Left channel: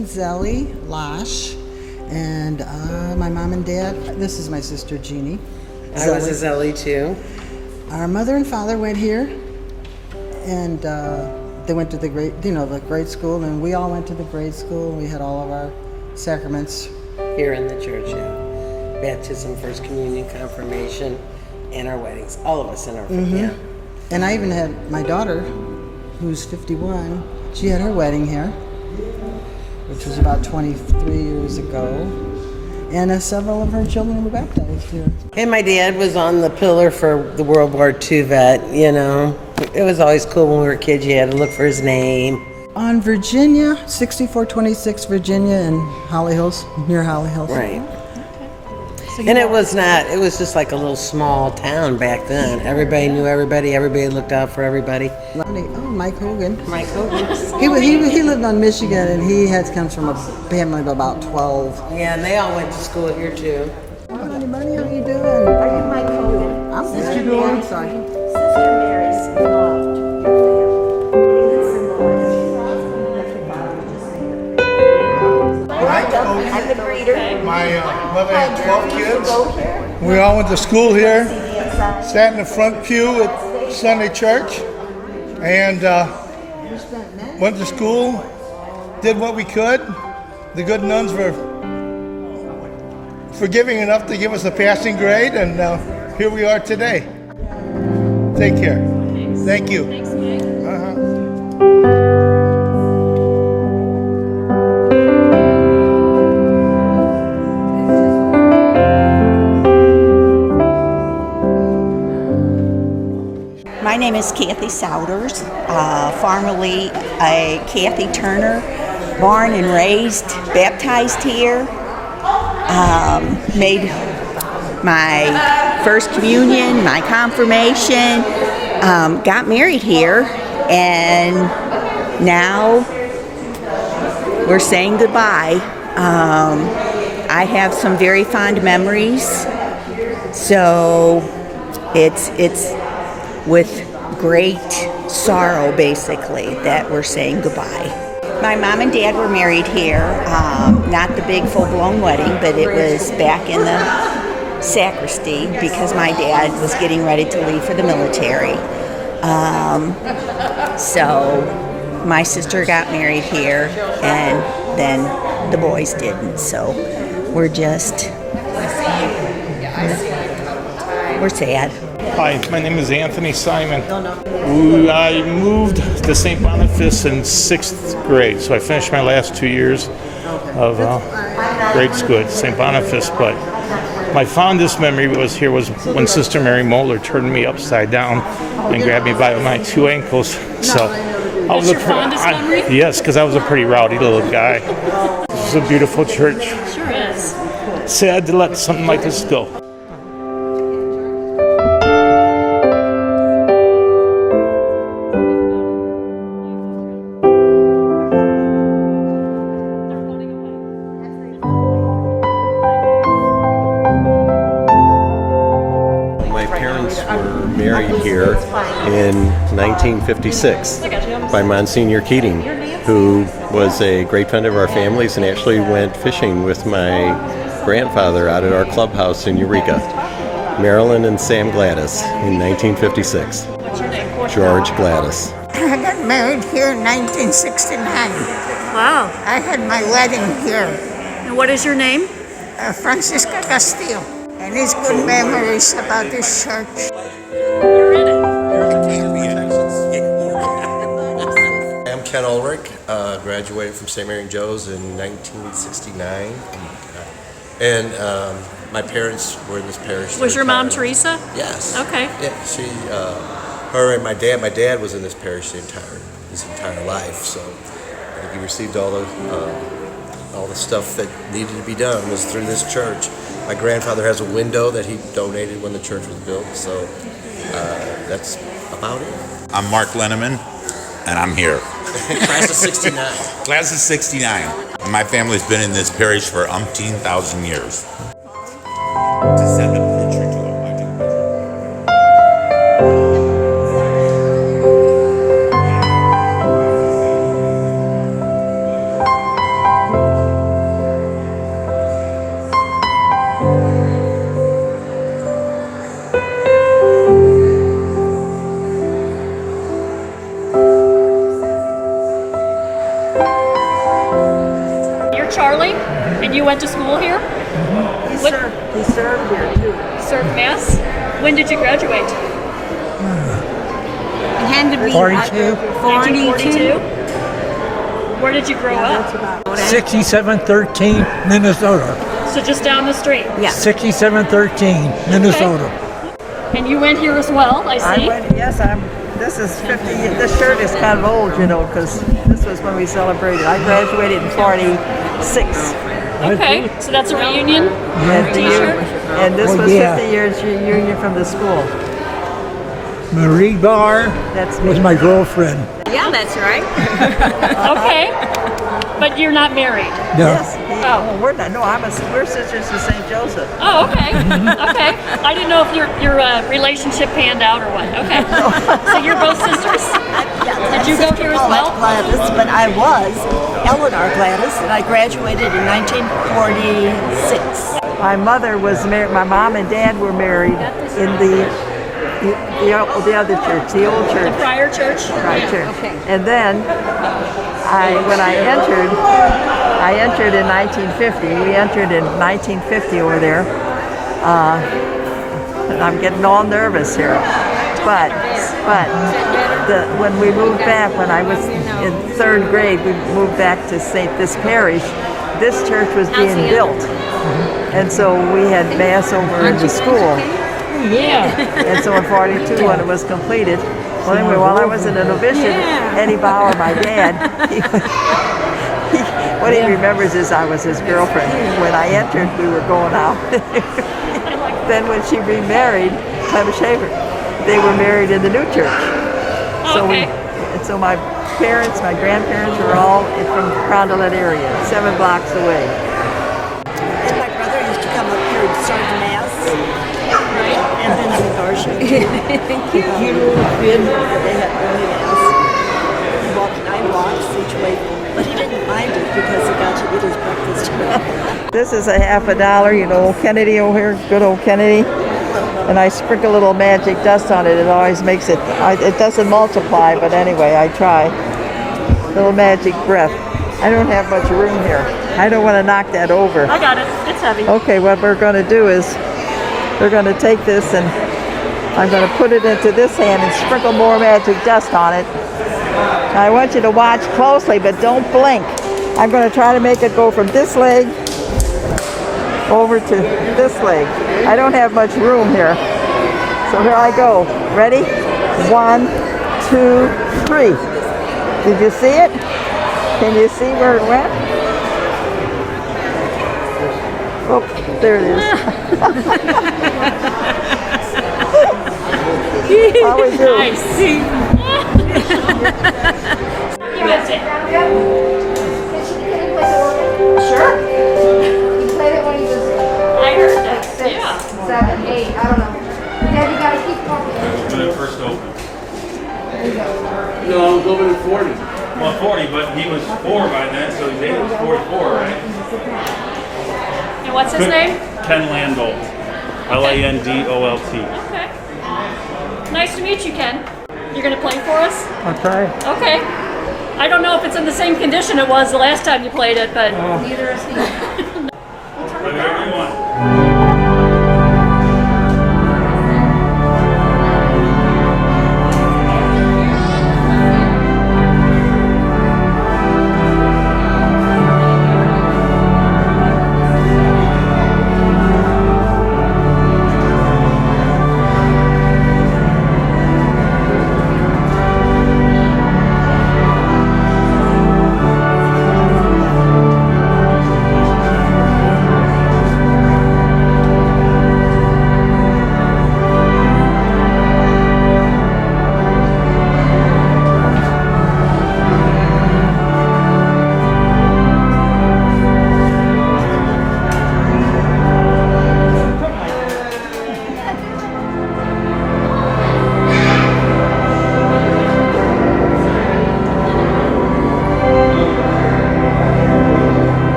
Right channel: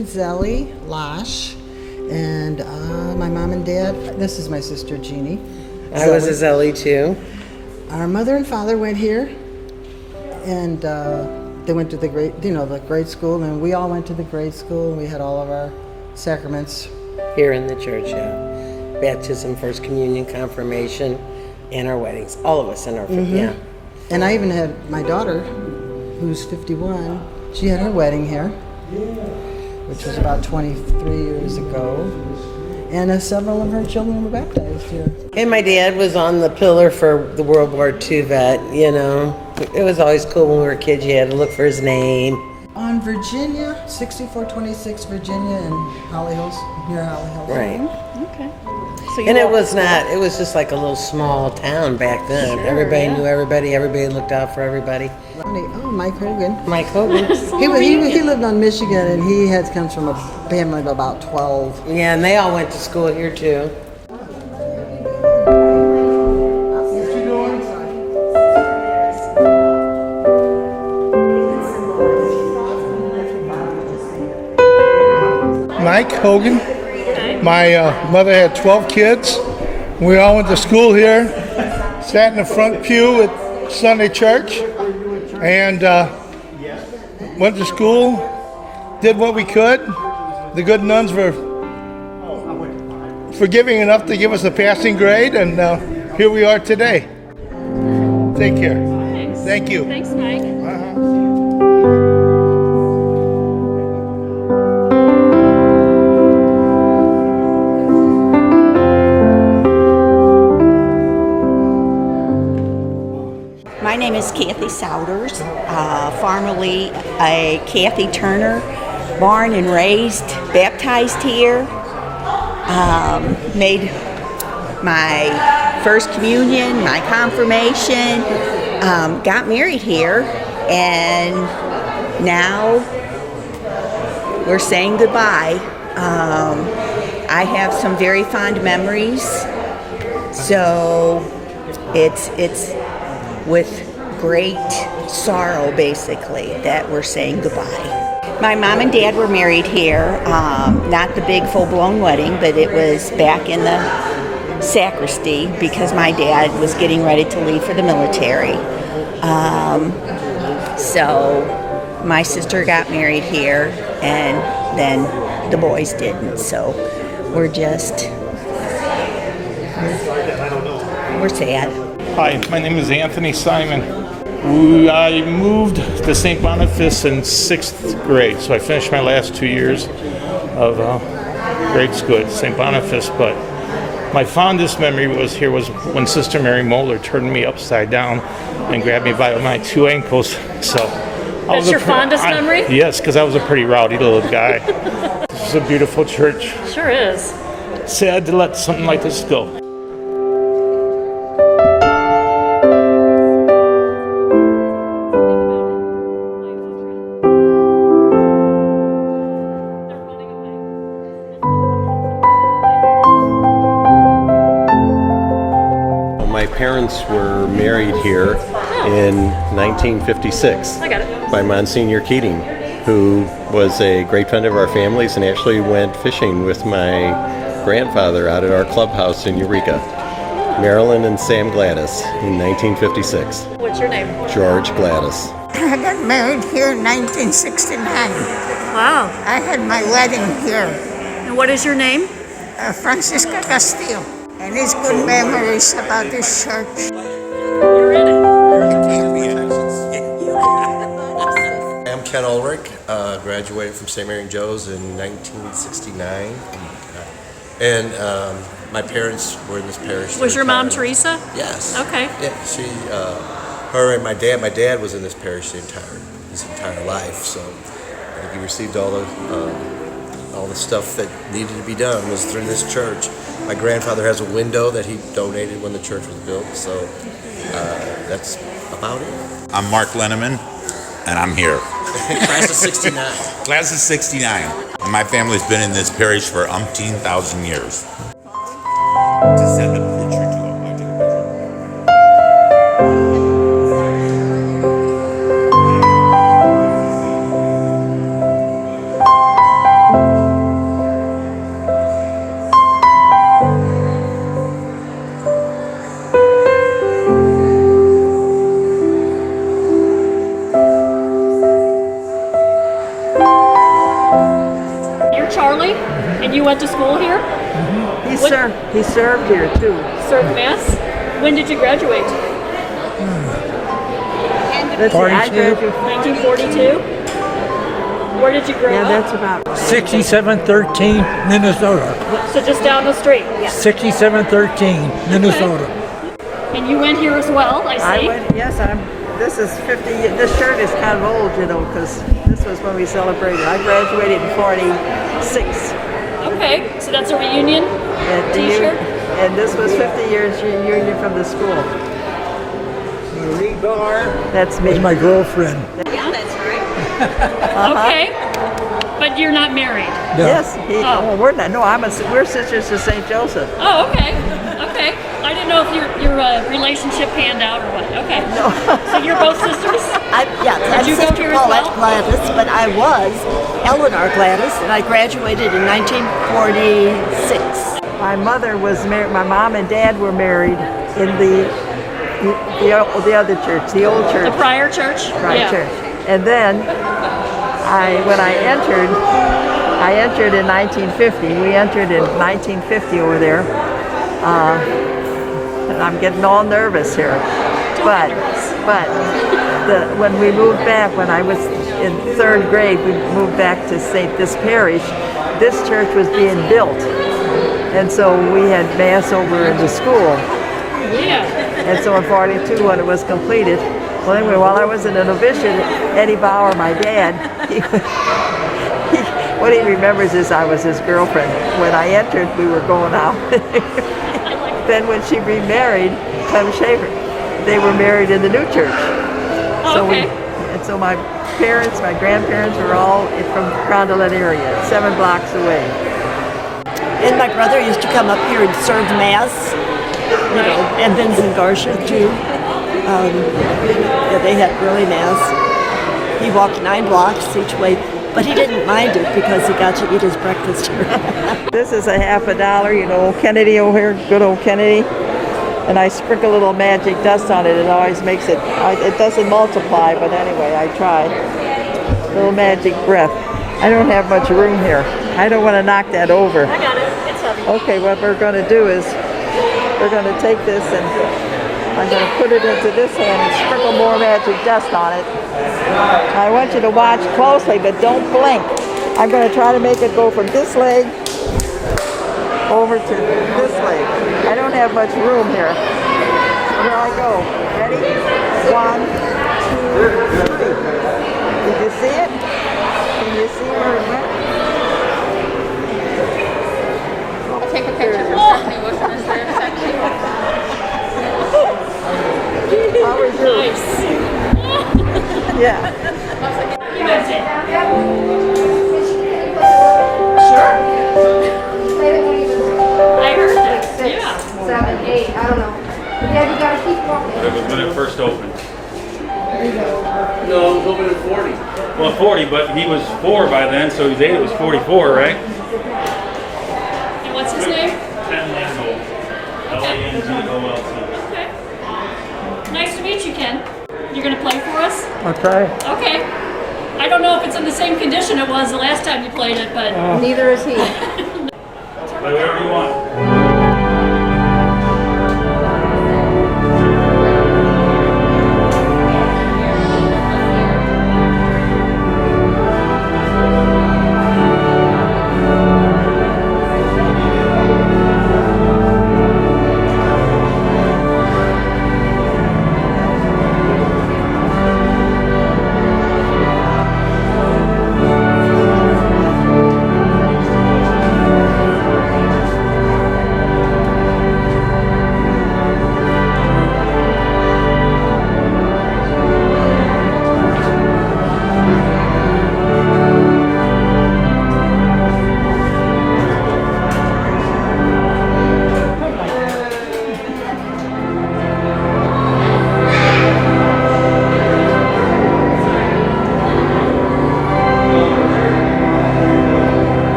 and Zelly Losh, and my mom and dad. This is my sister Jeannie. I was a Zelly too. Our mother and father went here, and they went to the grade school, and we all went to the grade school. We had all of our sacraments Here in the church, yeah. Baptism, First Communion, Confirmation, and our weddings. All of us in our yeah. And I even had my daughter, who's 51. She had her wedding here, which was about 23 years ago. And several of her children were baptized here. And my dad was on the pillar for the World War II vet, you know. It was always cool when we were kids. You had to look for his name. On Virginia, 6426 Virginia in Holly Hills, near Holly Hills. Right. Okay. So And it was just like a little small town back then. Sure, everybody yeah. knew everybody looked out for everybody. Oh, Mike Hogan. Mike Hogan. He lived on Michigan, and he comes from a family of about 12. Yeah, and they all went to school here too. Oh, anybody, how you doing? Mike Hogan. I'm Sister Dory. I'm sorry. Sister Mary's involved. Mike Hogan. My mother had 12 kids. We all went to school here, sat in the front pew at Sunday church, and went to school, did what we could. The good nuns were forgiving enough to give us a passing grade, and here we are today. Take care. Thanks. Thank you. Thanks, Mike. My name is Kathy Souders, formerly a Kathy Turner, born and raised, baptized here, made my first communion, my confirmation, got married here, and now we're saying goodbye. I have some very fond memories, so it's with great sorrow, basically, that we're saying goodbye. My mom and dad were married here, not the big full-blown wedding, but it was back in the sacristy because my dad was getting ready to leave for the military. So my sister got married here, and then the boys didn't, so we're sad. Hi, my name is Anthony Simon. I moved to St. Boniface in 6th grade, so I finished my last 2 years of grade school at St. Boniface, but my fondest memory was when Sister Mary Moeller turned me upside down and grabbed me by my 2 ankles. So That's your fondest memory? Yes, because I was a pretty rowdy little guy. This is a beautiful church. Sure is. Sad to let something like this go. My parents were married here in 1956 by Monsignor Keating, who was a great friend of our families and actually went fishing with my grandfather out at our clubhouse in Eureka. Marilyn and Sam Gladys in 1956. What's your name? George Gladys. I got married here in 1969. Wow. I had my wedding here. And what is your name? Francisca Castillo. And it's good memories about this church. You're in it. I'm Ken Ulrich, graduated from St. Mary and Joe's in 1969. And my parents were in this parish. Was your mom Teresa? Yes. Okay. Yeah, her and my dad was in this parish his entire life. So I think he received all the stuff that needed to be done was through this church. My grandfather has a window that he donated when the church was built. So that's about it. I'm Mark Lenneman, and I'm here. Class of 69. Class of 69. My family's been in this parish for umpteen thousand years. To send a picture to him, I took a picture. You're Charlie, and you went to school here? He served here too. Served Mass? When did you graduate? Had to be, I graduated 1942? Where did you grow Yeah, up? that's about what 6713 Minnesota. So just down the street? Yeah. 6713 Minnesota. And you went here as well, I see. This is 50. This shirt is kind of old, you know, because this was when we celebrated. I graduated in 46. Okay, so that's a reunion t-shirt? And this was 50 years reunion from the school. Marie Barr That's me. was my girlfriend. Yeah, that's right. Okay. But you're not married? No. Yes. We're not. No, we're sisters to St. Joseph. Oh, okay. Okay. I didn't know if your relationship panned out or what. Okay. So you're both sisters? Did you go here as well? Gladys, but I was Eleanor Gladys, and I graduated in 1946. My mother was married. My mom and dad were married in the other church, the old church. The prior church? Right, church. And then when I entered in 1950. We entered in 1950 over there. And I'm getting all nervous here. But when we moved back, when I was in third grade, we moved back to this parish. This church was being built. And so we had Mass over in the school. Yeah. And so in 42, when it was completed, well, anyway, while I was in a novitiate, Eddie Bauer, my dad, what he remembers is I was his girlfriend. When I entered, we were going out. Then when she remarried, Tom Shaver, they were married in the new church. So my parents, my grandparents were all from the Rondelet area, 7 blocks away. And my brother used to come up here and serve Mass. And Vincent Garcia too. They had early Mass. He walked 9 blocks each way, but he didn't mind it because he got to eat his breakfast. This is a $50, you know, Kennedy over here, good old Kennedy. And I sprinkle a little magic dust on it. It always makes it, it doesn't multiply, but anyway, I try. A little magic breath. I don't have much room here. I don't want to knock that over. I got it. It's heavy. Okay, what we're going to do is we're going to take this and I'm going to put it into this hand and sprinkle more magic dust on it. Now I want you to watch closely, but don't blink. I'm going to try to make it go from this leg over to this leg. I don't have much room here. So here I go. Ready? 1, 2, 3. Did you see it? Can you see where it went? Oh, there it is. How was it? Nice. Yeah. You guys in? Sure. I heard that. 6, Yeah. 7, 8, I don't know. Yeah, you guys keep walking. When it first opened. No, I was over at 40. Well, 40, but he was 4 by then, so his age was 44, right? And what's his name? Ken Landholt. Landolt. Okay. Nice to meet you, Ken. You're going to play for us? I'll try it. Okay. I don't know if it's in the same condition it was the last time you played it, but... Neither is he. Whatever you want.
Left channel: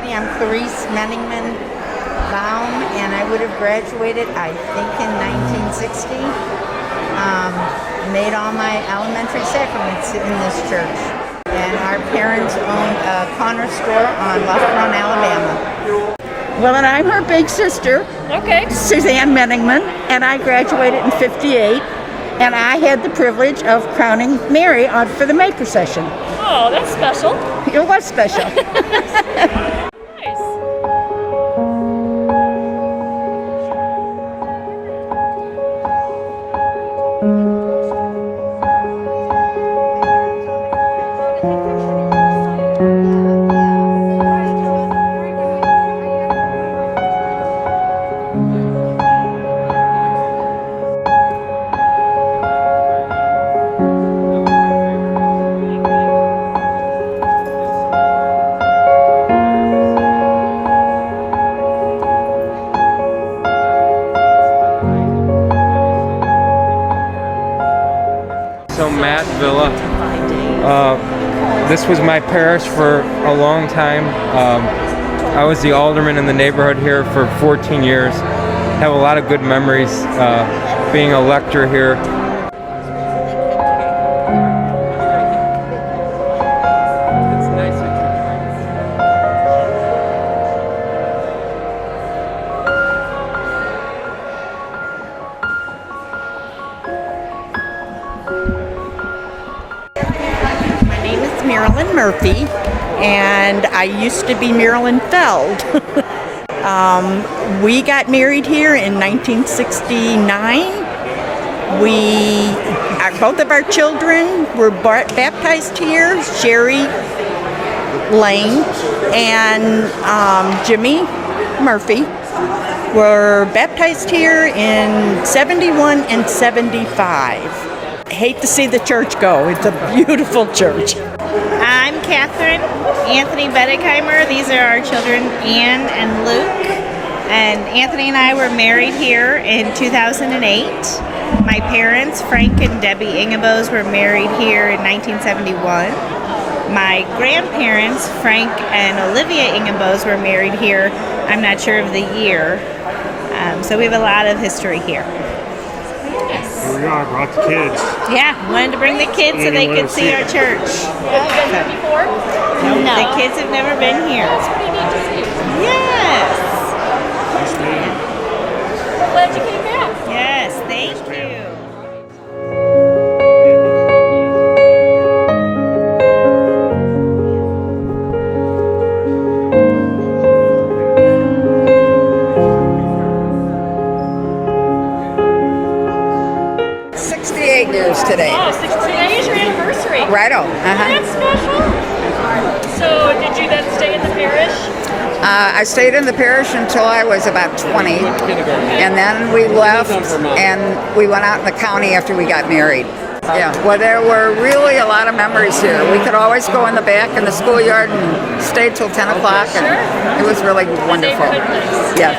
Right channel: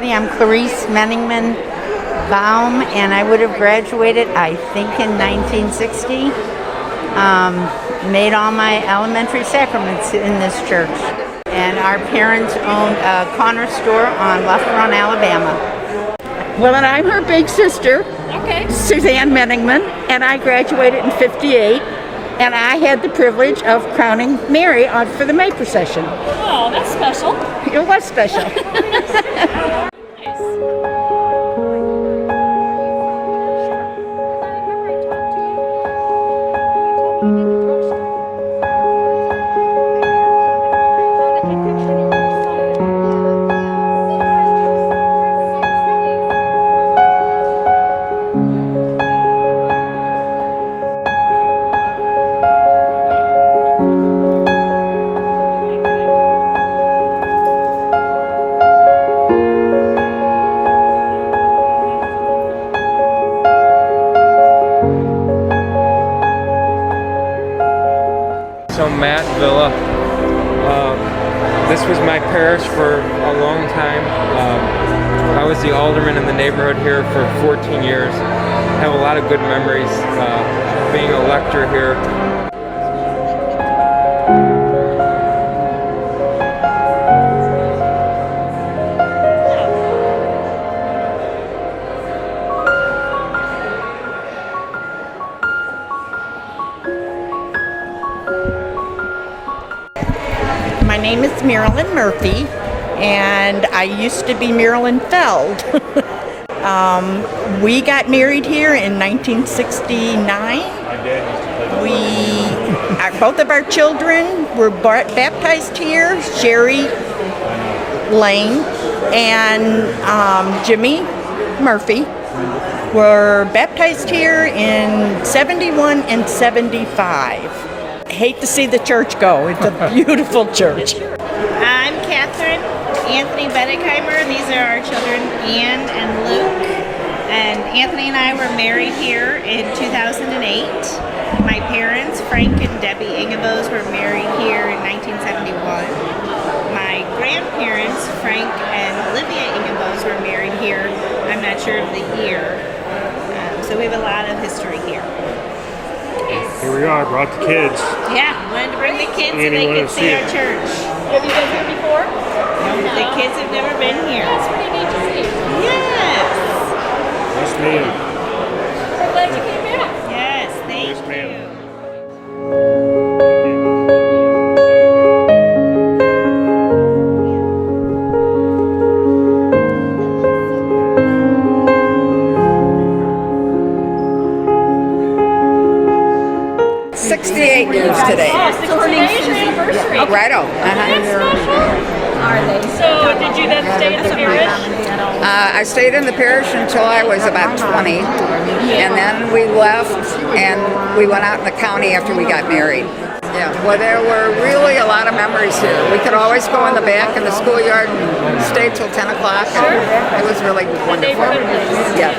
everybody. I'm Clarice Menningman Baum, and I would have graduated, I think, in 1960. Made all my elementary sacraments in this church. And our parents owned a corner store on Left Run, Alabama. Well, and I'm her big sister, Suzanne Menningman, and I graduated in '58. And I had the privilege of crowning Mary for the May procession. Oh, that's special. It was special. This was my parish for a long time. I was the alderman in the neighborhood here for 14 years. I have a lot of good memories being a lector here. My name is Marilyn Murphy, and I used to be Marilyn Feld. We got married here in 1969. Both of our children were baptized here, Sherry Lane and Jimmy Murphy were baptized here in 71 and 75. Hate to see the church go. It's a beautiful church. I'm Catherine Anthony Bedeckheimer. These are our children, Anne and Luke. And Anthony and I were married here in 2008. My parents, Frank and Debbie Ingabos, were married here in 1971. My grandparents, Frank and Olivia Ingabos, were married here. I'm not sure of the year. So we have a lot of history here. Here we are, brought the kids. Yeah, wanted to bring the kids so they could see our church. Have you been here before? No, the kids have never been here. That's pretty neat to see. Yes. Nice meeting. We're glad you came back. Yes, thank you. Years today. Oh, 68 is your anniversary. Righto. That's special. So, did you then stay in the parish? I stayed in the parish until I was about 20, and then we left and we went out in the county after we got married. Yeah, well, there were really a lot of memories here. We could always go in the back in the schoolyard and stay till 10 o'clock. And it was really wonderful. Yeah.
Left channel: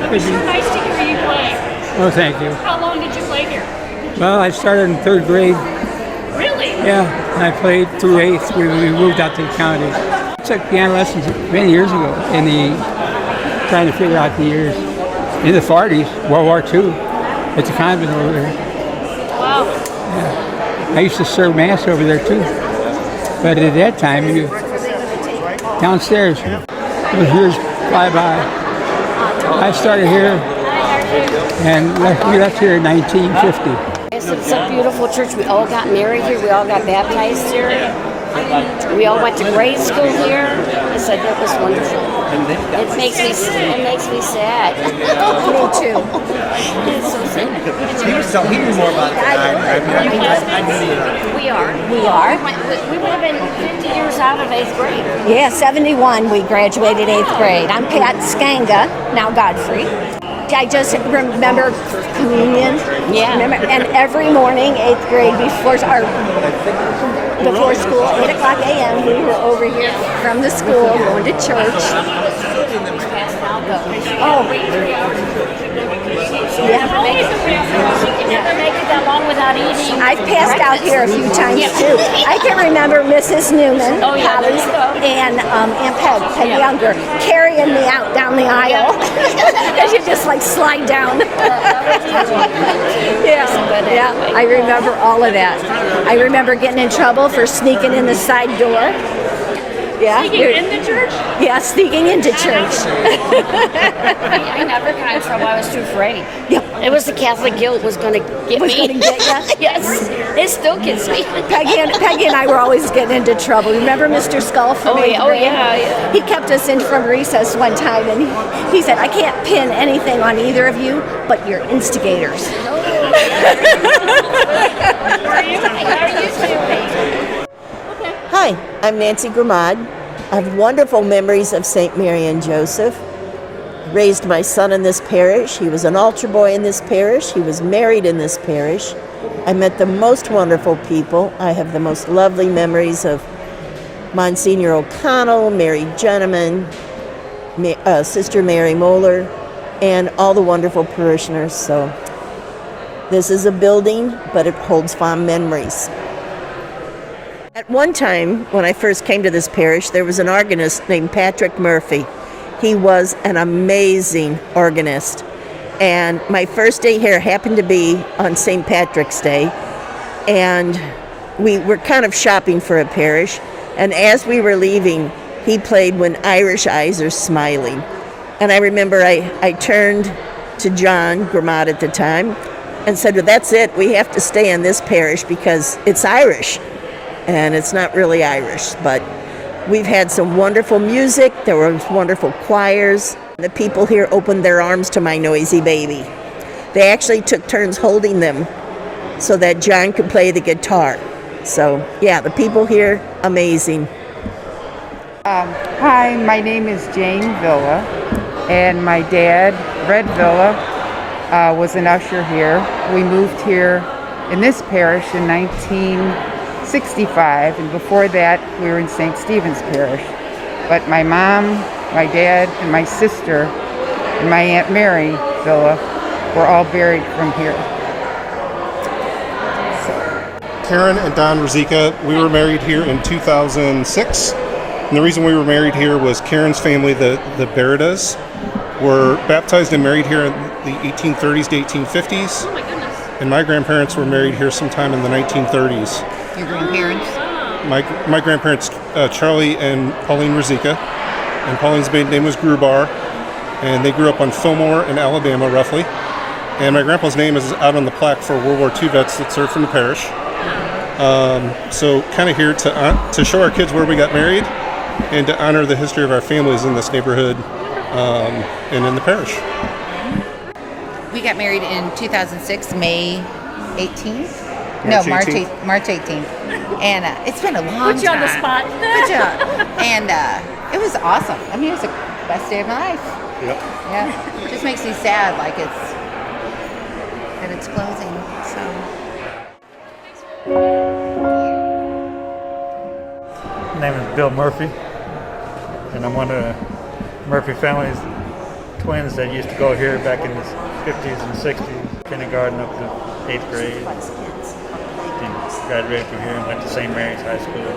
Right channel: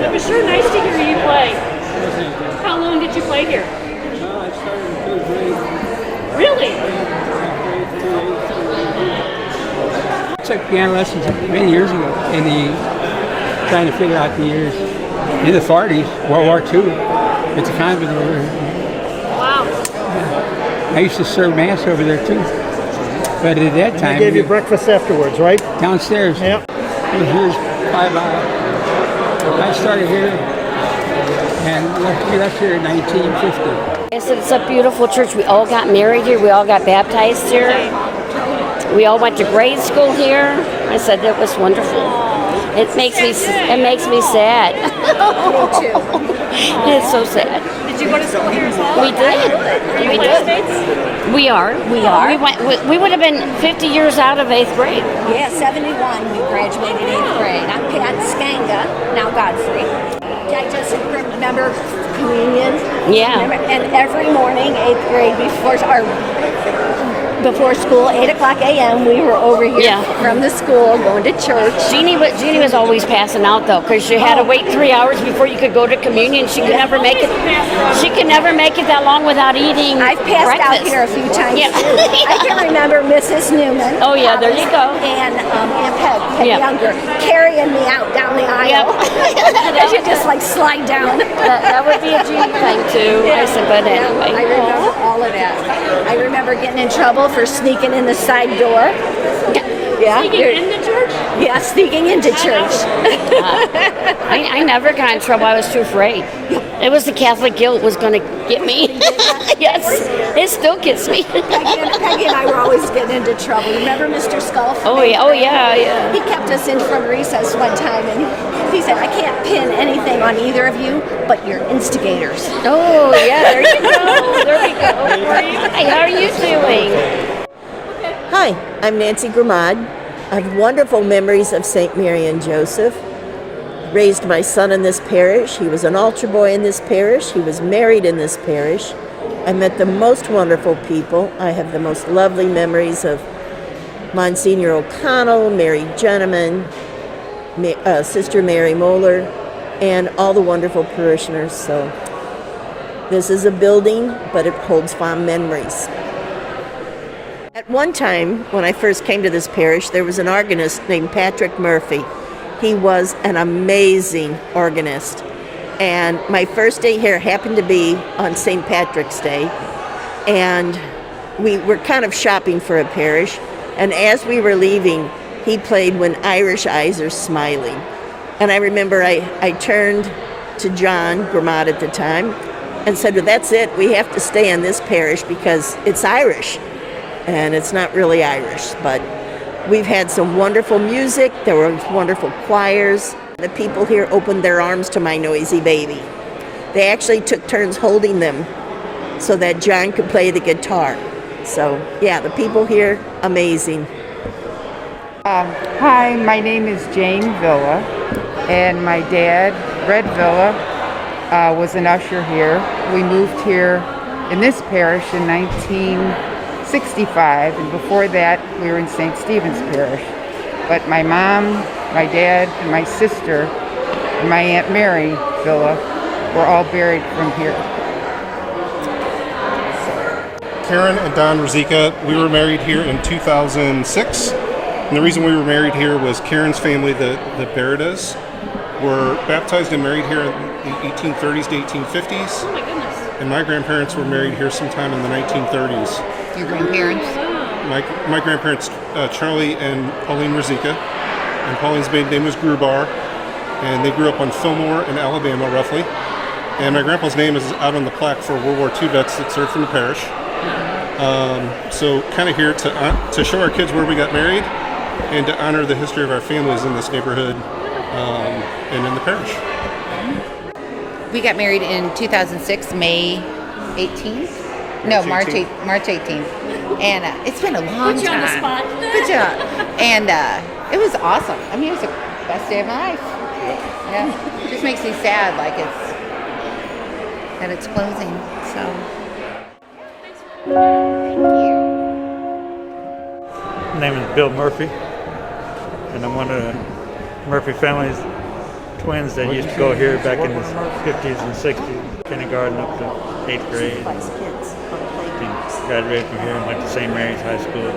It was sure nice to hear you play. Oh, thank you. How long did you play here? Well, I started in 3rd grade. Really? Yeah, and I played through 8th. We moved out to the county. I took piano lessons many years ago, trying to figure out the years. In the 40s, World War II, at the convent over there. Wow. Yeah. I used to serve Mass over there too. But at that time... They gave you breakfast afterwards, right? Downstairs. Yep. It was years by. I started here, and we left here in 1950. Yes, it's a beautiful church. We all got married here. We all got baptized here. We all went to grade school here. I said it was wonderful. It makes me sad. Me too. It's so sad. Did you go to school here as well? We did. We are. We would have been 50 years out of 8th grade. Yeah, 71 we graduated 8th grade. I'm Pat Skanga, now Godfrey. I just remember communion. Yeah. And every morning, 8th grade, before school, 8 o'clock a.m., we were over here from the school going to church. Jeannie was always passing out though, because you had to wait 3 hours before you could go to communion. She could never make it. She could never make it that long without eating. I've passed out breakfast. here a few times too. I can remember Mrs. Newman. Oh yeah, there you go. And Aunt Peg Younger carrying me out down the aisle. As you just like slide down. That would be a Jeannie thing too. I remember all of that. I remember getting in trouble for sneaking in the side door. Yeah. Sneaking into church? Yeah, sneaking into church. I never got in trouble. I was too afraid. It was the Catholic guilt was going to get me. Yes, it still gets me. Peggy and I were always getting into trouble. Remember Mr. Skull from Oh yeah. He kept us in from recess one time, and he said, "I can't pin anything on either of you, but you're instigators." Oh yeah, there you go. How are you doing? Hi, I'm Nancy Gramad. I have wonderful memories of St. Mary and Joseph. Raised my son in this parish. He was an altar boy in this parish. He was married in this parish. I met the most wonderful people. I have the most lovely memories of Monsignor O'Connell, Mary Gentleman, Sister Mary Moeller, and all the wonderful parishioners. So this is a building, but it holds fond memories. At one time, when I first came to this parish, there was an organist named Patrick Murphy. He was an amazing organist. And my first day here happened to be on St. Patrick's Day. And we were kind of shopping for a parish. And as we were leaving, he played When Irish Eyes Are Smiling. And I remember I turned to John Gramad at the time and said, "Well, that's it. We have to stay in this parish because it's Irish." And it's not really Irish, but we've had some wonderful music. There were wonderful choirs. The people here opened their arms to my noisy baby. They actually took turns holding them so that John could play the guitar. So yeah, the people here, amazing. Hi, my name is Jane Villa, and my dad, Red Villa, was an usher here. We moved here in this parish in 1965, and before that we were in St. Stephen's Parish. But my mom, my dad, and my sister, and my Aunt Mary Villa were all buried from here. Karen and Don Rosica, we were married here in 2006. And the reason we were married here was Karen's family, the Beridas, were baptized and married here in the 1830s to 1850s. Oh my goodness. And my grandparents were married here sometime in the 1930s. Your grandparents? My grandparents, Charlie and Pauline Rosica, and Pauline's maiden name was Grubar, and they grew up on Fillmore in Alabama, roughly. And my grandpa's name is out on the plaque for World War II vets that served from the parish. So kind of here to show our kids where we got married and to honor the history of our families in this neighborhood and in the parish. We got married in 2006, May 18th. No, March 18th. And it's been a long Put you on the time. spot. Good job. And it was awesome. I mean, it was the best day of my life. Yep. Yeah. It just makes me sad, like it's closing. So. My name is Bill Murphy, and I'm one of the Murphy family's twins that used to go here back in the 50s and 60s, kindergarten up to 8th grade. And graduated from here and went to St. Mary's High School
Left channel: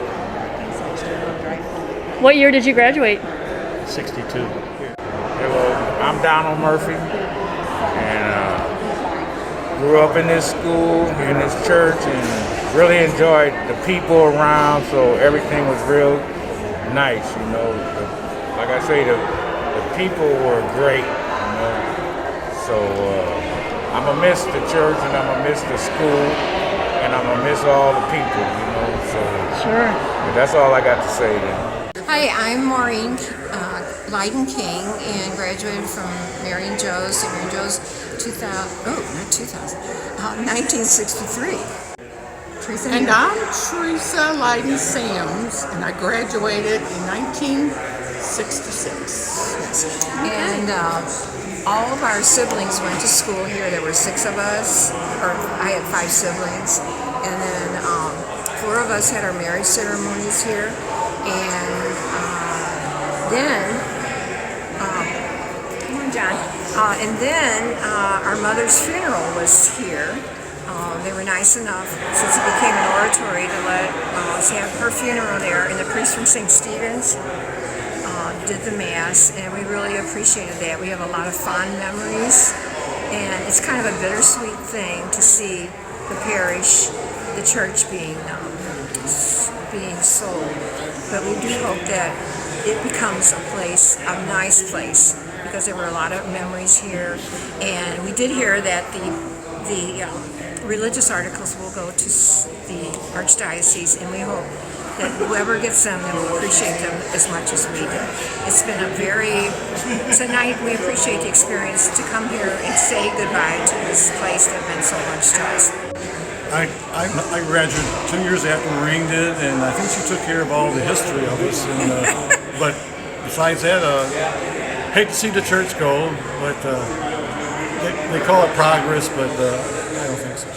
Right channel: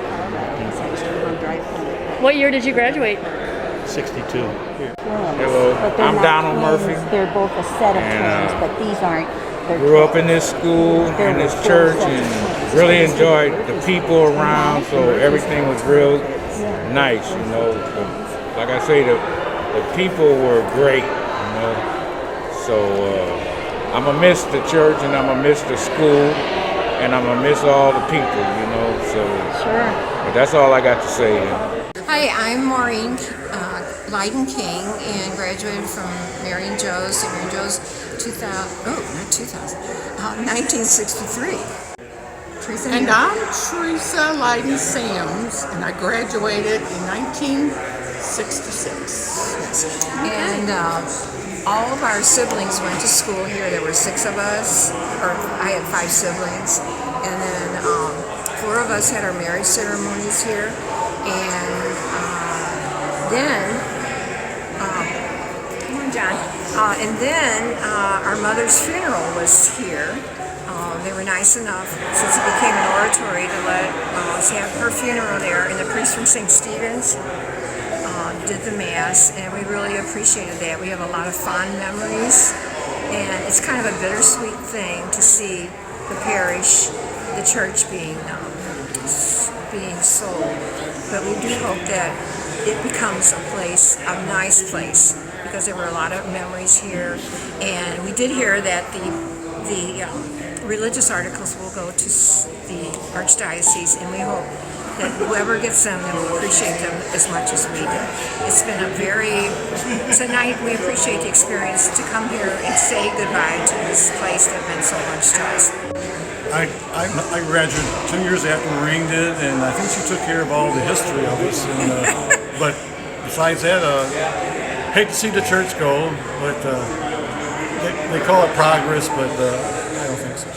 What year did you graduate? in 62. I'm Donald Murphy, and grew up in this school, in this church, and really enjoyed the people around, so everything was real nice, you know. Like I say, the people were great, you know. So I'm going to miss the church, and I'm going to miss the school, and I'm going to miss all the people, you know. So Sure. That's all I got to say. Hi, I'm Maureen Leiden King and graduated from Mary and Joe's, St. Mary and Joe's 1963. Teresa, And I'm Teresa Leiden Sams, and I graduated in 1966. And all of our siblings went to school here. There were 6 of us, or I had 5 siblings, and then 4 of us had our marriage ceremonies here, and then, come on, John. And then our mother's funeral was here. They were nice enough, since it became an oratory, to let us have her funeral there, and the priest from St. Stephen's did the Mass, and we really appreciated that. We have a lot of fond memories, and it's kind of a bittersweet thing to see the parish, the church being sold. But we do hope that it becomes a place, a nice place, because there were a lot of memories here, and we did hear that the religious articles will go to the Archdiocese, and we hope that whoever gets them will appreciate them as much as we did. It's been tonight we appreciate the experience to come here and say goodbye to this place that meant so much to us. I graduated 2 years after Maureen did, and I think she took care of all the history of us. And, but besides that, hate to see the church go, but they call it progress, but I don't think so.